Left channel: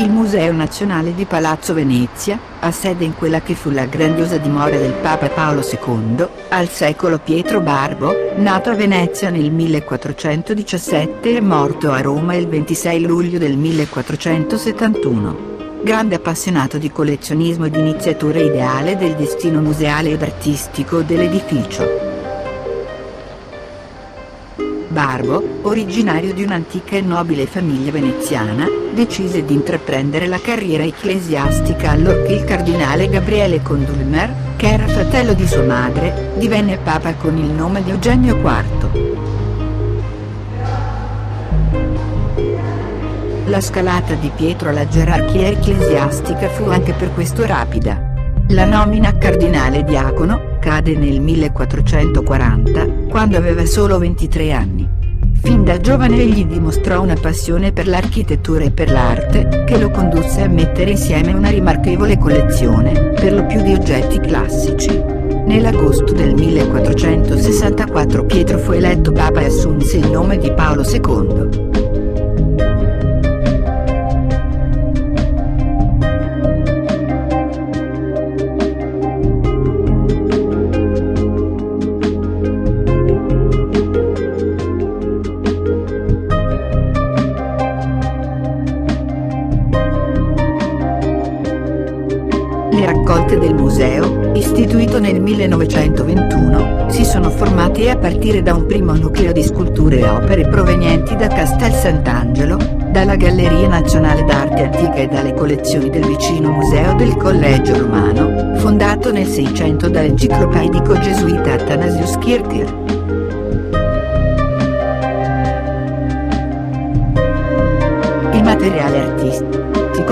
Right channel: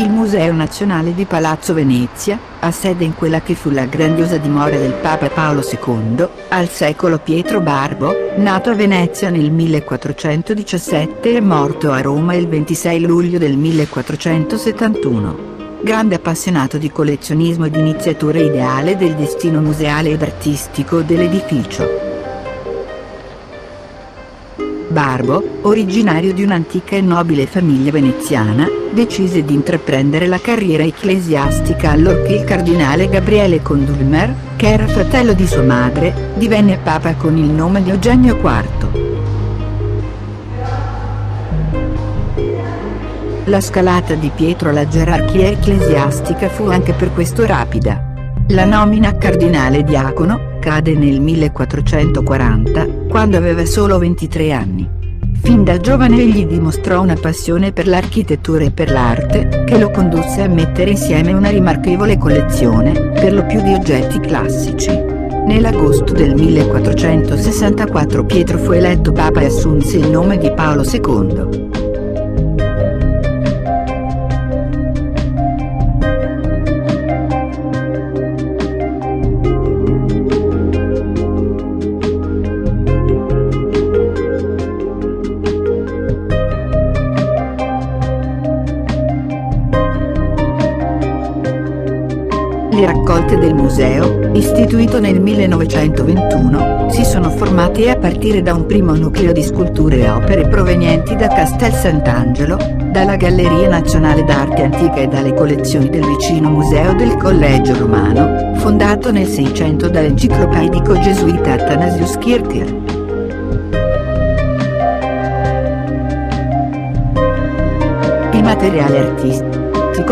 Il Museo Nazionale di Palazzo Venezia, ha sede in quella che fu la grandiosa dimora del Papa Paolo II, al secolo Pietro Barbo, nato a Venezia nel 1417 e morto a Roma il 26 luglio del 1471. Grande appassionato di collezionismo ed iniziatore ideale del destino museale ed artistico dell'edificio. Barbo, originario di un'antica e nobile famiglia veneziana, decise di intraprendere la carriera ecclesiastica allorché il cardinale Gabriele Condulmer, che era fratello di sua madre, divenne papa con il nome di Eugenio IV. La scalata di Pietro alla gerarchia ecclesiastica fu anche per questo rapida. La nomina a cardinale diacono cade nel 1440, quando aveva solo 23 anni. Fin da giovane egli dimostrò una passione per l'architettura e per l'arte, che lo condusse a mettere insieme una rimarchevole collezione, per lo più di oggetti classici. Nell'agosto del 1464 Pietro fu eletto papa e assunse il nome di Paolo II. Le raccolte del museo, istituito nel 1921, si sono formate a partire da un primo nucleo di sculture e opere provenienti da Castel Sant'Angelo, dalla Galleria Nazionale d'Arte Antica e dalle collezioni del vicino Museo del Collegio Romano, fondato nel 600 dall'enciclopedico gesuita Athanasius Kircher. Il materiale artistico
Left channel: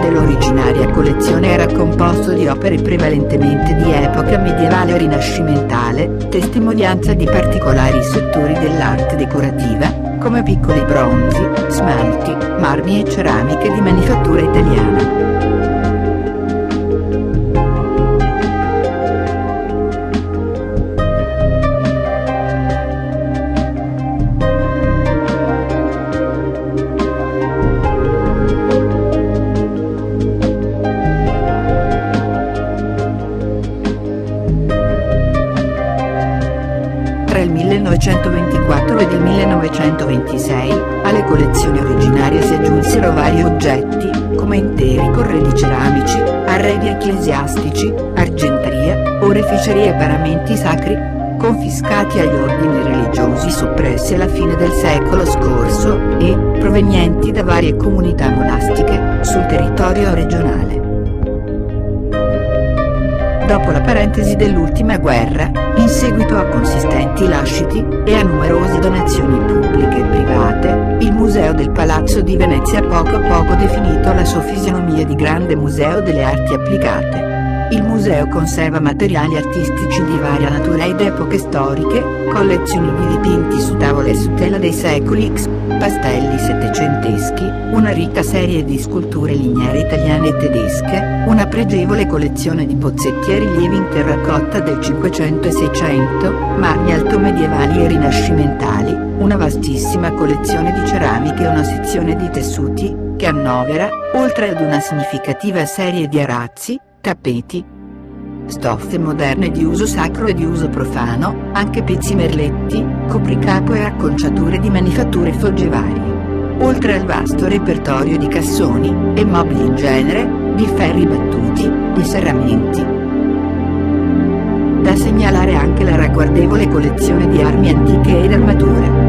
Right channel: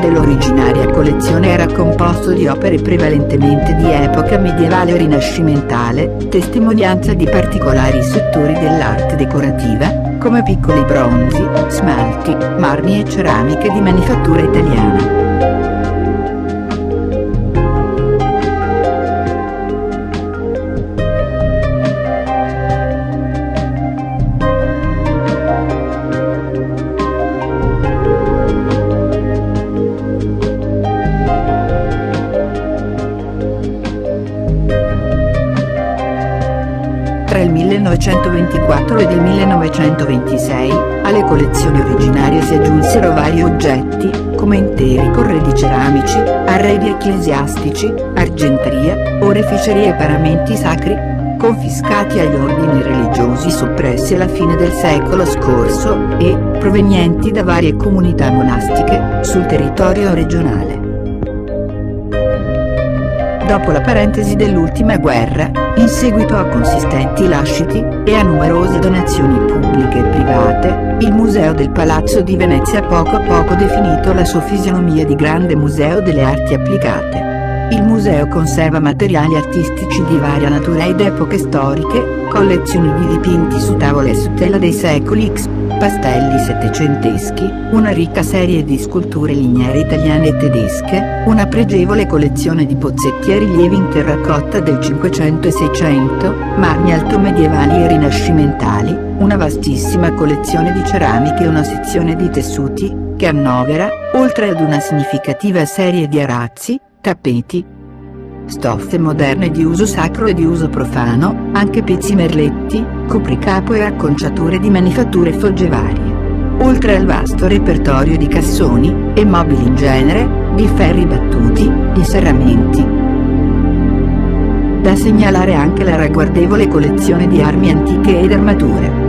dell'originaria collezione era composto di opere prevalentemente di epoca medievale o rinascimentale, testimonianza di particolari settori dell'arte decorativa, come piccoli bronzi, smalti, marmi e ceramiche di manifattura italiana. Tra il 1924 ed il 1926, alle collezioni originarie si aggiunsero vari oggetti, come interi corredi ceramici, arredi ecclesiastici, argenteria, oreficerie e paramenti sacri, confiscati agli ordini religiosi soppressi alla fine del secolo scorso e, provenienti da varie comunità monastiche, sul territorio regionale. Dopo la parentesi dell'ultima guerra, in seguito a consistenti lasciti, e a numerose donazioni pubbliche e private, il Museo del Palazzo di Venezia ha poco a poco definito la sua fisionomia di grande museo delle arti applicate. Il museo conserva materiali artistici di varia natura ed epoche storiche, collezioni di dipinti su tavole e su tela dei secoli X, pastelli settecenteschi, una ricca serie di sculture lignee italiane e tedesche, una pregevole collezione di bozzetti e rilievi in terracotta del 500 e 600, marmi altomedievali e rinascimentali, una vastissima collezione di ceramiche e una sezione di tessuti, che annovera, oltre ad una significativa serie di arazzi, tappeti, stoffe moderne di uso sacro e di uso profano, anche pezzi merletti, copricapo e acconciature di manifatture foggevarie. Oltre al vasto repertorio di cassoni, e mobili in genere, di ferri battuti, di serramenti. Da segnalare anche la ragguardevole collezione di armi antiche ed armature.